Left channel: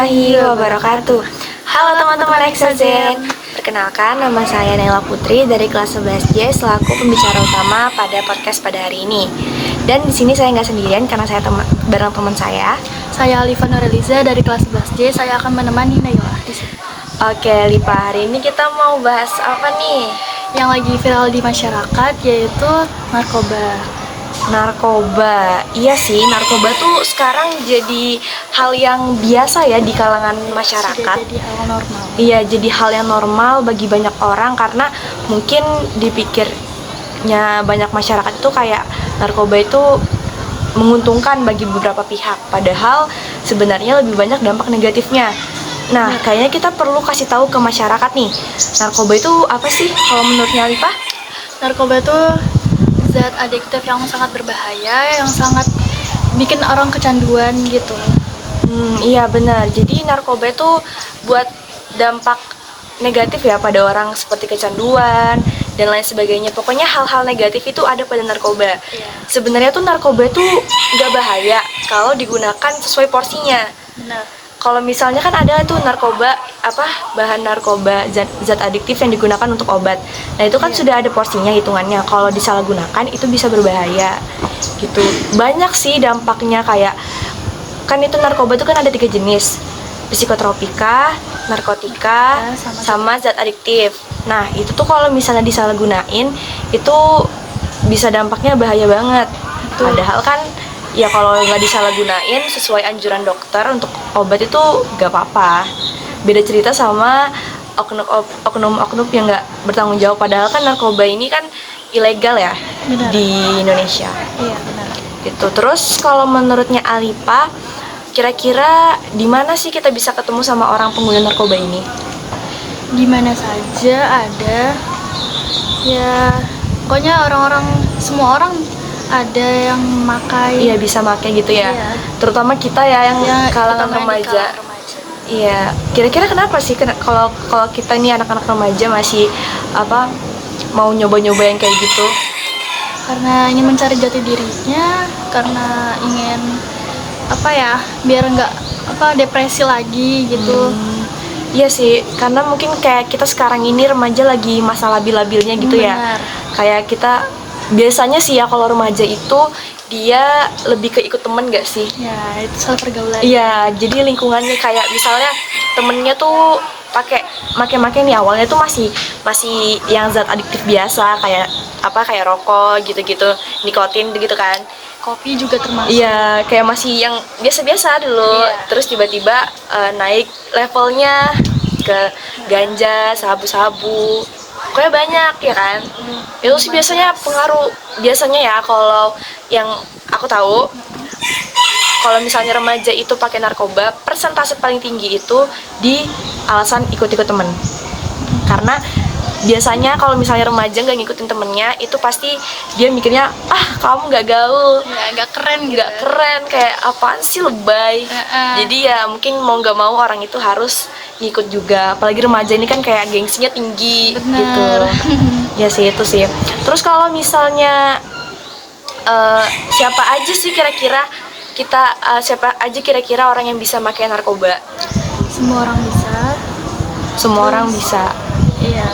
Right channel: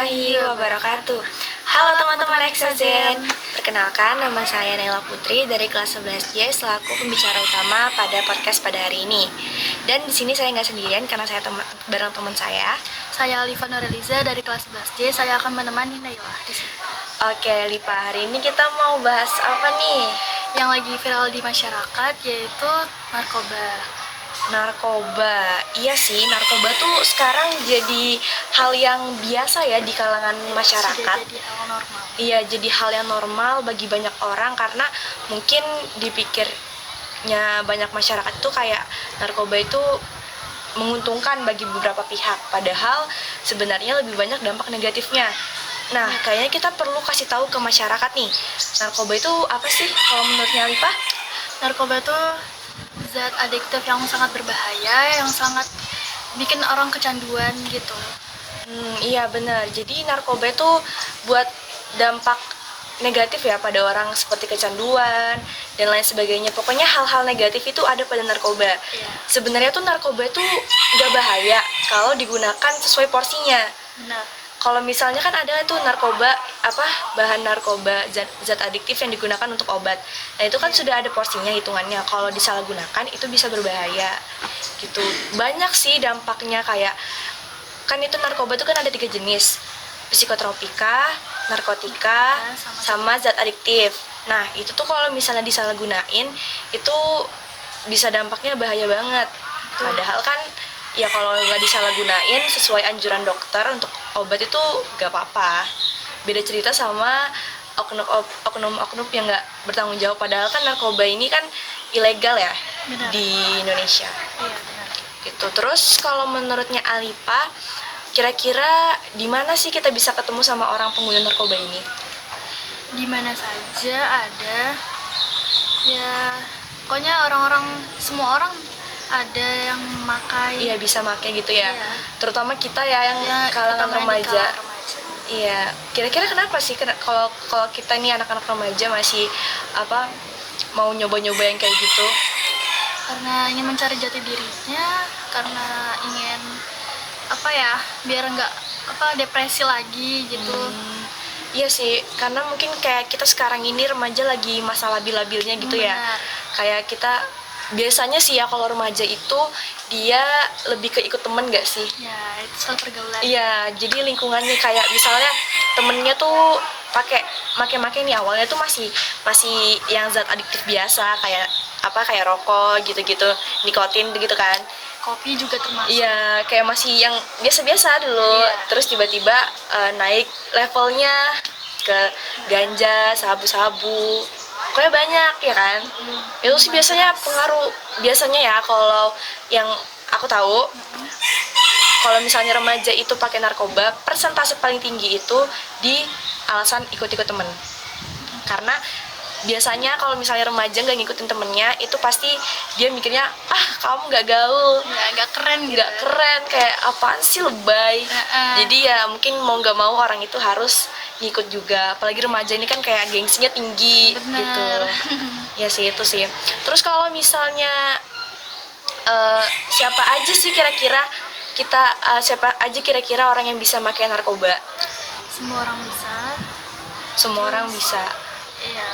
warahmatullahi wabarakatuh. Halo teman-teman Exazen. Perkenalkan, nama saya Naila Putri dari kelas 11J selaku pembicara utama pada podcast pada hari ini. Dan di sini saya nggak sendirian karena saya bareng teman saya. Saya Alifa Nureliza dari kelas 11J. Saya akan menemani Naila di sini. Oke, Lipa, hari ini kita mau bahas apa nih? Yang lagi viral di masyarakat yaitu narkoba. Narkoba, iya sih, narkoba tuh sekarang jadi hal yang biasa ya di kalangan masyarakat. Sudah jadi hal normal. Iya, jadi hal yang normal bagi banyak orang karena mungkin dipikirnya banyak masyarakat itu kayak narkoba itu menguntungkan bagi beberapa pihak. Padahal sebenarnya lebih banyak dampak negatifnya. Nah, kayaknya kita perlu kasih tahu ke masyarakat nih, narkoba itu apa sih kalau menurutnya Alifa? Narkoba itu zat adiktif yang sangat berbahaya, yang sangat bikin orang kecanduan gitu. Iya benar. Jadi narkoba itu buat dampak negatif ya pada orang seperti kecanduan dan lain sebagainya. Pokoknya hal-hal negatif itu ada pada narkoba. Iya. Sebenarnya tuh narkoba itu nggak bahaya kalau digunakan sesuai porsinya. Benar. Kalau misalnya kan ada tuh narkoba bahan narkoba zat adiktif yang digunakan untuk obat. Nah itu kan sudah ada porsinya hitungannya. Kalau disalahgunakan itu bisa berbahaya gitu. Banyak sih dampaknya kayak kan itu narkoba itu kan ada 3 jenis, psikotropika, narkotika, sama zat adiktif. Nah itu tuh kalau misalnya disalahgunain itu bisa dampaknya bahaya banget. Padahal kan ya kalau nggak disalahgunain sesuai anjuran dokter untuk obat itu nggak apa-apa. Beda cerita sama oknum-oknum yang nggak bertanggung jawab. Padahal kan narkoba ini kan ilegal ya. Benar. Di Indonesia. Iya, benar. Gitu. Terus kalau menurutnya Alipa, kira-kira di mana sih kita bisa ketemu sama orang pengguna narkoba ini? Di mana saja ada, ya pokoknya semua orang ada yang memakai. Iya bisa pakai gitu ya. Iya. Terutama kita ya yang kalangan terutama yang di remaja. kalangan remaja. Iya. Kira-kira kenapa sih kalau kita ini anak-anak remaja masih mau nyoba-nyoba yang kayak gitu? Karena ingin mencari jati dirinya, karena ingin biar nggak depresi lagi gitu. Iya sih, karena mungkin kayak kita sekarang ini remaja lagi masa labil-labilnya gitu ya. Benar. Kayak kita biasanya sih ya kalau remaja itu dia lebih ke ikut temen gak sih? Ya, itu soal pergaulan. Iya, jadi lingkungannya kayak misalnya temennya tuh make nih awalnya tuh masih yang zat adiktif biasa kayak rokok gitu-gitu, nikotin gitu kan. Kopi juga termasuk. Iya, kayak masih yang biasa-biasa dulu. Iya. Terus tiba-tiba naik levelnya ke ganja, sabu-sabu. Pokoknya banyak ya kan. Itu sih biasanya pengaruh. Biasanya ya kalau yang aku tahu, kalau misalnya remaja itu pakai narkoba, persentase paling tinggi itu di alasan ikut-ikut temen. Karena biasanya kalau misalnya remaja nggak ngikutin temennya, itu pasti dia mikirnya, kamu nggak gaul, Nggak keren gitu. nggak keren, kayak apaan sih lebay. Jadi ya mungkin mau nggak mau orang itu harus ngikut juga. Apalagi remaja ini kan kayak gengsinya tinggi. Bener. Gitu. Ya sih itu sih. Terus kalau misalnya siapa aja sih kira-kira orang yang bisa pakai narkoba? Semua orang bisa. Semua orang bisa. Iya.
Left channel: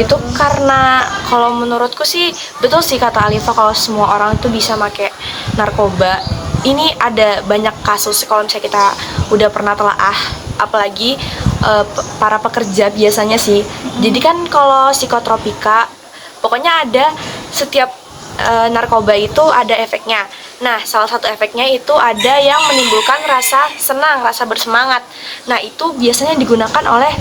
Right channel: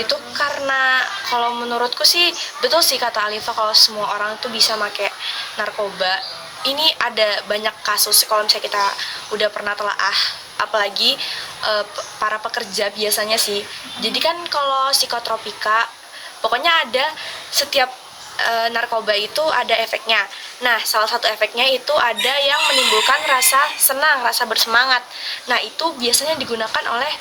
Itu karena kalau menurutku sih betul sih kata Alifa, kalau semua orang itu bisa pakai narkoba. Ini ada banyak kasus kalau misalnya kita udah pernah telaah, apalagi para pekerja biasanya sih. Jadi kan kalau psikotropika, pokoknya ada setiap narkoba itu ada efeknya. Nah, salah satu efeknya itu ada yang menimbulkan rasa senang, rasa bersemangat. Nah, itu biasanya digunakan oleh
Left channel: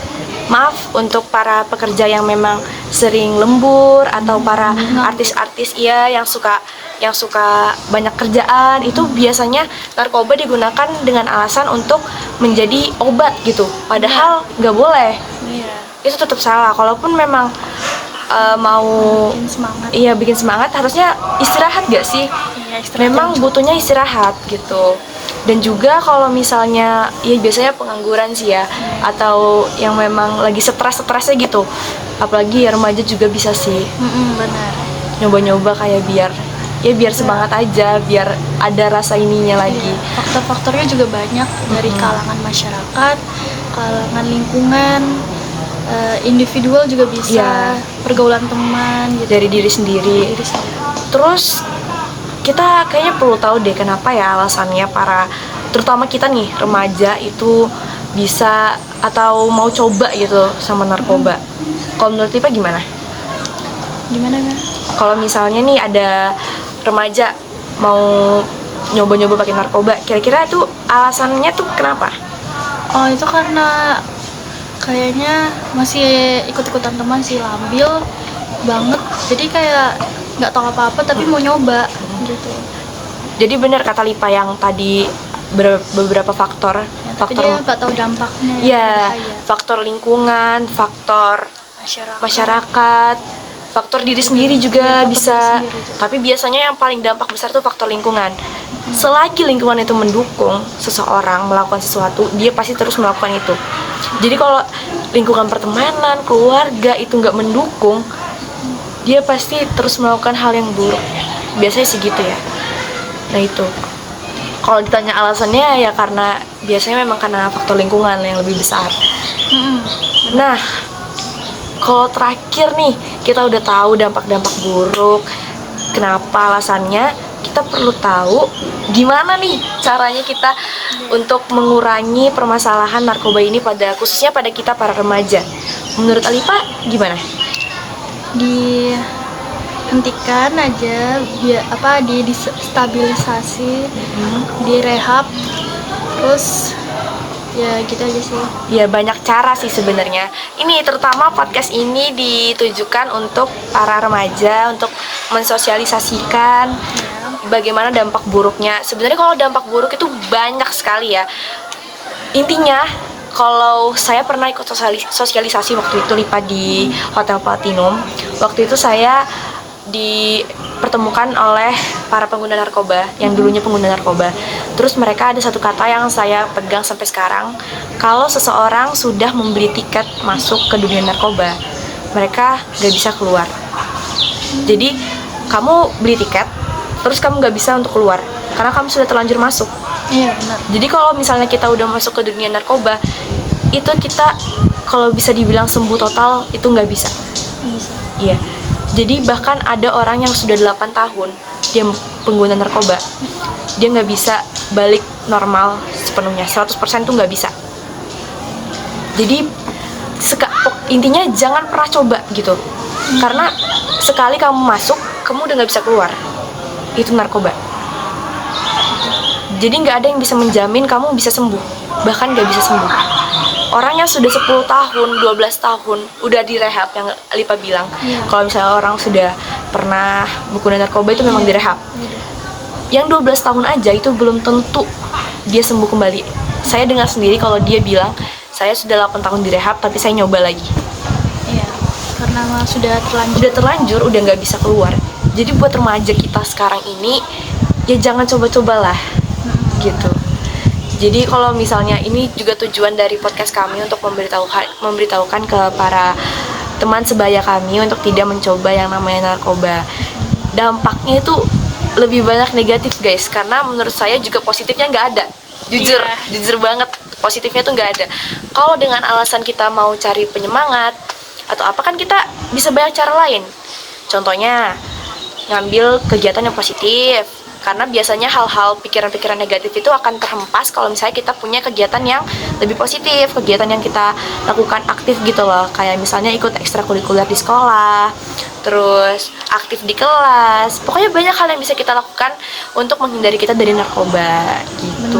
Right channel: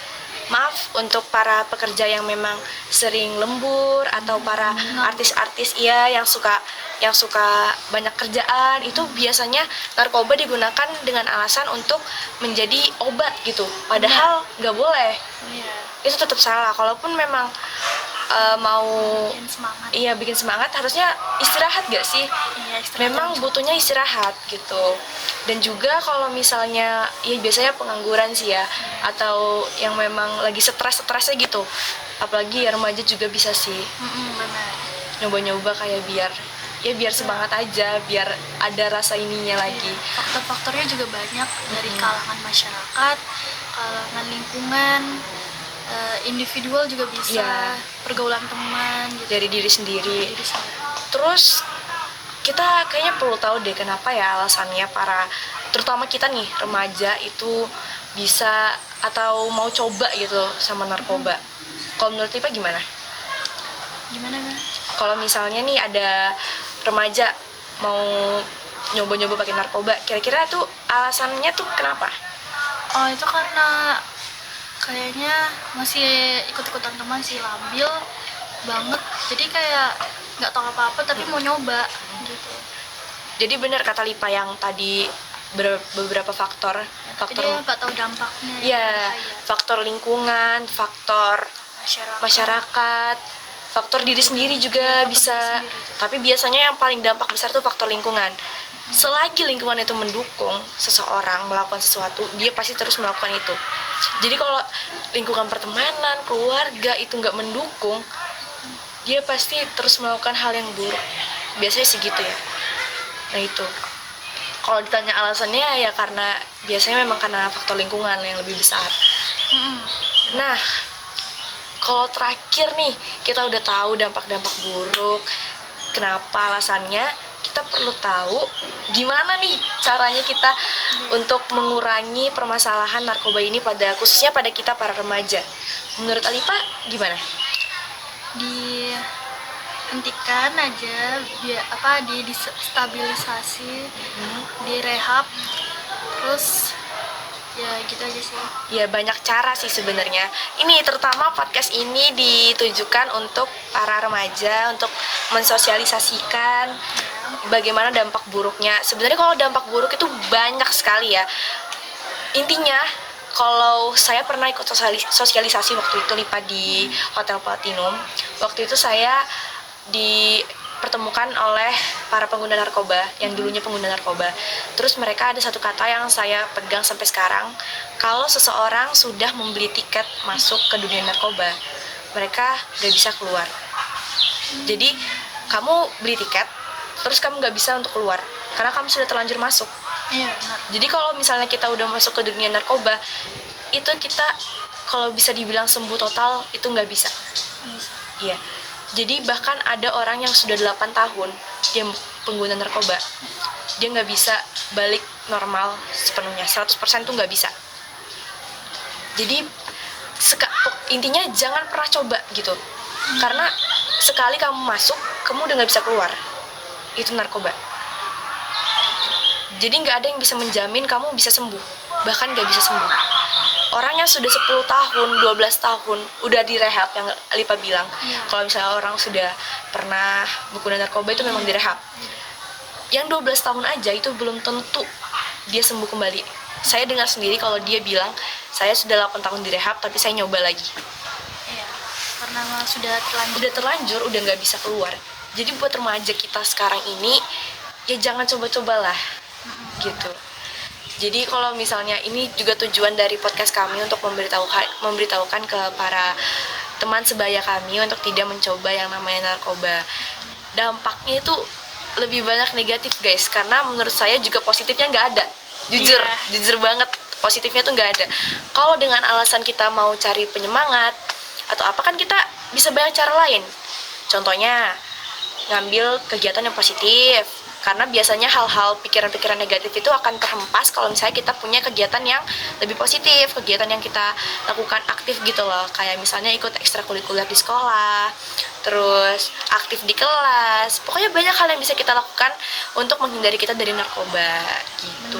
untuk para pekerja yang memang sering lembur atau para artis-artis yang suka banyak kerjaan, itu biasanya narkoba digunakan dengan alasan untuk menjadi obat gitu. Padahal nggak boleh. Iya. Itu tetap salah. Kalaupun memang mau Bikin semangat. iya bikin semangat, harusnya istirahat gak sih? Iya, istirahat. Memang butuhnya istirahat gitu. Dan juga kalau misalnya ya biasanya pengangguran sih ya, atau yang memang lagi stres-stresnya gitu, apalagi ya remaja juga bisa sih Benar. nyoba-nyoba kayak biar ya biar semangat aja, biar ada rasa ininya lagi. Faktor-faktornya juga banyak, dari kalangan masyarakat, kalangan lingkungan, individual juga bisa, pergaulan teman gitu. Dari diri sendiri. Terus kita kayaknya perlu tahu deh kenapa ya alasannya para, terutama kita nih remaja itu bisa atau mau coba gitu sama narkoba. Kalau menurut Tipa gimana? Gimana kan? Kalau misalnya nih ada remaja mau nyoba-nyoba pakai narkoba, kira-kira itu alasannya tuh kenapa? Oh, itu karena kayaknya masih ikut-ikutan teman sih, labil banget. Jadi kayak nggak tahu apa-apa tapi mau nyoba gitu. Jadi benar kata Lipa yang tadi beberapa faktor. Tapi dia nggak tahu dampaknya. Iya, Bahaya. faktor lingkungan, faktor masyarakat, faktor diri sendiri juga faktor bisa. diri sendiri juga. Tapi biasanya yang paling dampak besar tuh faktor lingkungan. Selagi lingkungan itu mendukung seseorang melakukan sesuatu, dia pasti terus melakukan itu. Jadi kalau lingkungan pertemanan, keluarga itu nggak mendukung, dia pasti terus melakukan hal yang buruk. Biasanya segitu ya. Nah itu. Kalau ditanya alasannya ya karena biasanya memang karena faktor lingkungan yang lebih besar. Nah, kalau terakhir nih kita udah tahu dampak-dampak buruk, kenapa alasannya, kita perlu tahu gimana nih caranya kita untuk mengurangi permasalahan narkoba ini khususnya pada kita para remaja. Menurut Alifa gimana? Dihentikan aja, distabilisasi, direhab, terus ya gitu aja sih. Ya banyak cara sih sebenarnya. Ini terutama podcast ini ditujukan untuk para remaja, untuk mensosialisasikan bagaimana dampak buruknya. Sebenarnya kalau dampak buruk itu banyak sekali ya. Intinya kalau saya pernah ikut sosialisasi waktu itu Lipa di Hotel Platinum. Waktu itu saya dipertemukan oleh para pengguna narkoba yang dulunya pengguna narkoba. Terus mereka ada satu kata yang saya pegang sampai sekarang. Kalau seseorang sudah membeli tiket masuk ke dunia narkoba, mereka gak bisa keluar. Jadi kamu beli tiket, terus kamu gak bisa untuk keluar karena kamu sudah terlanjur masuk. Iya benar. Jadi kalau misalnya kita udah masuk ke dunia narkoba, itu kita kalau bisa dibilang sembuh total itu nggak bisa. Iya. Jadi bahkan ada orang yang sudah 8 tahun dia pengguna narkoba, dia nggak bisa balik normal sepenuhnya, 100% tuh nggak bisa. Jadi intinya jangan pernah coba gitu, karena sekali kamu masuk, kamu udah nggak bisa keluar. Itu narkoba. Jadi nggak ada yang bisa menjamin kamu bisa sembuh, bahkan nggak bisa sembuh. Orang yang sudah 10 tahun, 12 tahun udah direhab, yang Lipa bilang. Kalau misalnya orang sudah pernah menggunakan narkoba itu memang direhab. Yang 12 tahun aja itu belum tentu dia sembuh kembali. Saya dengar sendiri kalau dia bilang, saya sudah 8 tahun direhab tapi saya nyoba lagi. Iya, karena sudah terlanjur, udah nggak bisa keluar. Jadi buat remaja kita sekarang ini, ya jangan coba-cobalah gitu. Jadi kalau misalnya ini juga tujuan dari podcast kami untuk memberitahukan ke para teman sebaya kami untuk tidak mencoba yang namanya narkoba. Dampaknya itu lebih banyak negatif guys, karena menurut saya juga positifnya nggak ada. Jujur banget positifnya tuh nggak ada. Kalau dengan alasan kita mau cari penyemangat atau apa, kan kita bisa banyak cara lain. Contohnya ngambil kegiatan yang positif, karena biasanya hal-hal pikiran-pikiran negatif itu akan terhempas kalau misalnya kita punya kegiatan yang lebih positif, kegiatan yang kita lakukan aktif gitu loh, kayak misalnya ikut ekstrakurikuler di sekolah, terus aktif di kelas. Pokoknya banyak hal yang bisa kita lakukan untuk menghindari kita dari narkoba gitu.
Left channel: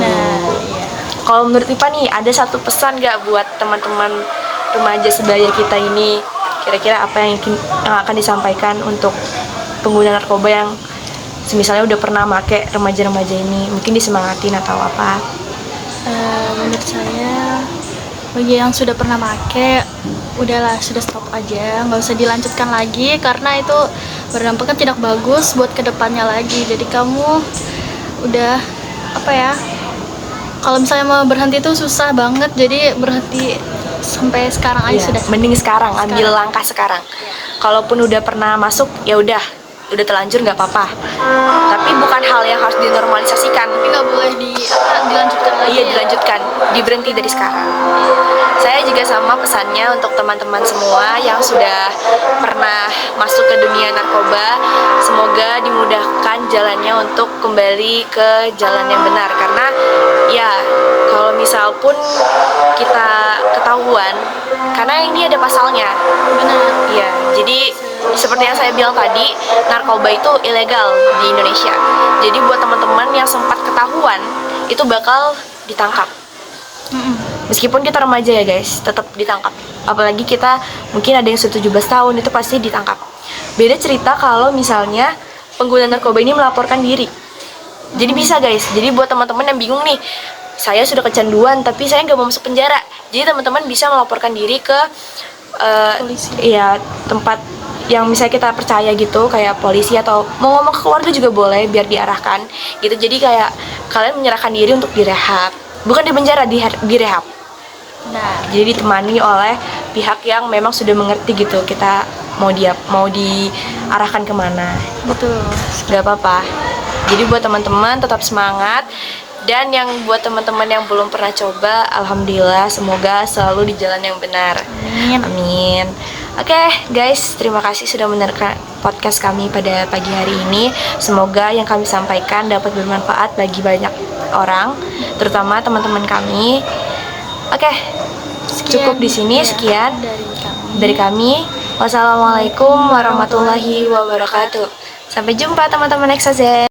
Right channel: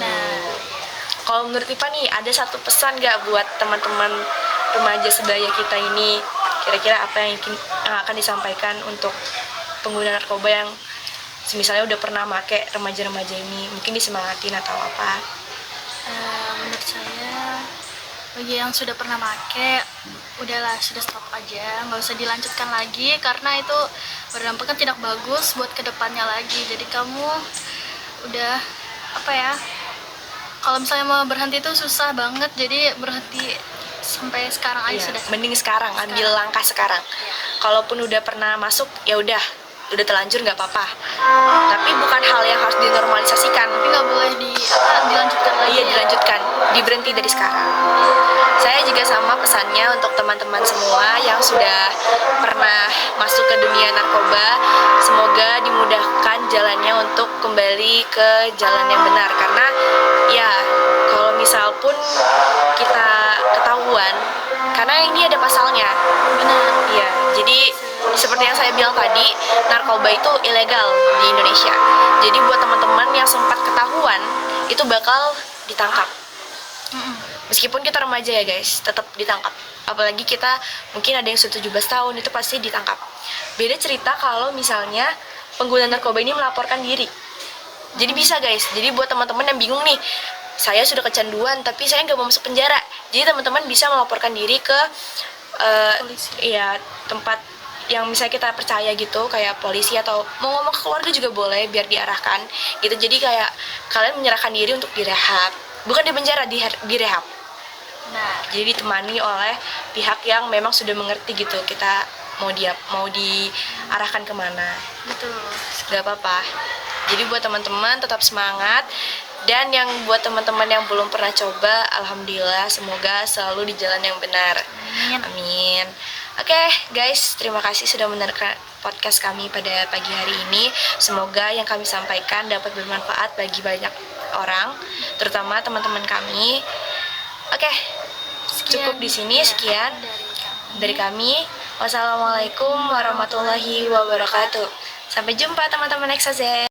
Kalau menurut Ipa nih, ada satu pesan gak buat teman-teman remaja sebaya kita ini? Kira-kira apa yang akan disampaikan untuk pengguna narkoba yang misalnya udah pernah make, remaja-remaja ini mungkin disemangatin atau apa? Menurut saya, bagi yang sudah pernah make, udahlah, sudah stop aja, nggak usah dilanjutkan lagi karena itu berdampaknya tidak bagus buat kedepannya lagi. Jadi kamu udah kalau misalnya mau berhenti itu susah banget, jadi berhenti sampai sekarang aja sudah. Mending sekarang ambil langkah sekarang. Kalaupun udah pernah masuk, ya udah udah terlanjur nggak apa-apa. Tapi bukan hal yang harus dinormalisasikan. Tapi nggak boleh dilanjutkan lagi. Iya, dilanjutkan, diberhenti dari sekarang. Saya juga sama pesannya untuk teman-teman semua yang sudah pernah masuk ke dunia narkoba, semoga dimudahkan jalannya untuk kembali ke jalan yang benar. Karena ya kalau misal pun kita ketahuan, karena ini ada pasalnya. Benar. Ya, jadi seperti yang saya bilang tadi, narkoba itu ilegal di Indonesia. Jadi buat teman-teman yang sempat ketahuan, itu bakal ditangkap. Meskipun kita remaja ya guys, tetap ditangkap. Apalagi kita mungkin ada yang sudah 17 tahun, itu pasti ditangkap. Beda cerita kalau misalnya pengguna narkoba ini melaporkan diri. Jadi bisa guys, jadi buat teman-teman yang bingung nih, saya sudah kecanduan tapi saya nggak mau masuk penjara. Jadi teman-teman bisa melaporkan diri ke ya tempat yang misalnya kita percaya gitu, kayak polisi atau mau ngomong ke keluarga juga boleh biar diarahkan gitu. Jadi kayak kalian menyerahkan diri untuk direhab, bukan di penjara, direhab. Nah, Jadi ditemani oleh pihak yang memang sudah mengerti gitu kita mau diarahkan kemana. betul. Gak apa-apa. Jadi buat teman-teman tetap semangat. Dan yang buat teman-teman yang belum pernah coba, alhamdulillah semoga selalu di jalan yang benar. Amin. Amin. Oke guys, terima kasih sudah mendengarkan podcast kami pada pagi hari ini. Semoga yang kami sampaikan dapat bermanfaat bagi banyak orang, terutama teman-teman kami. Oke, cukup di sini. Ya, Sekian dari kami. dari kami. Wassalamualaikum warahmatullahi wabarakatuh. Sampai jumpa teman-teman Exazen.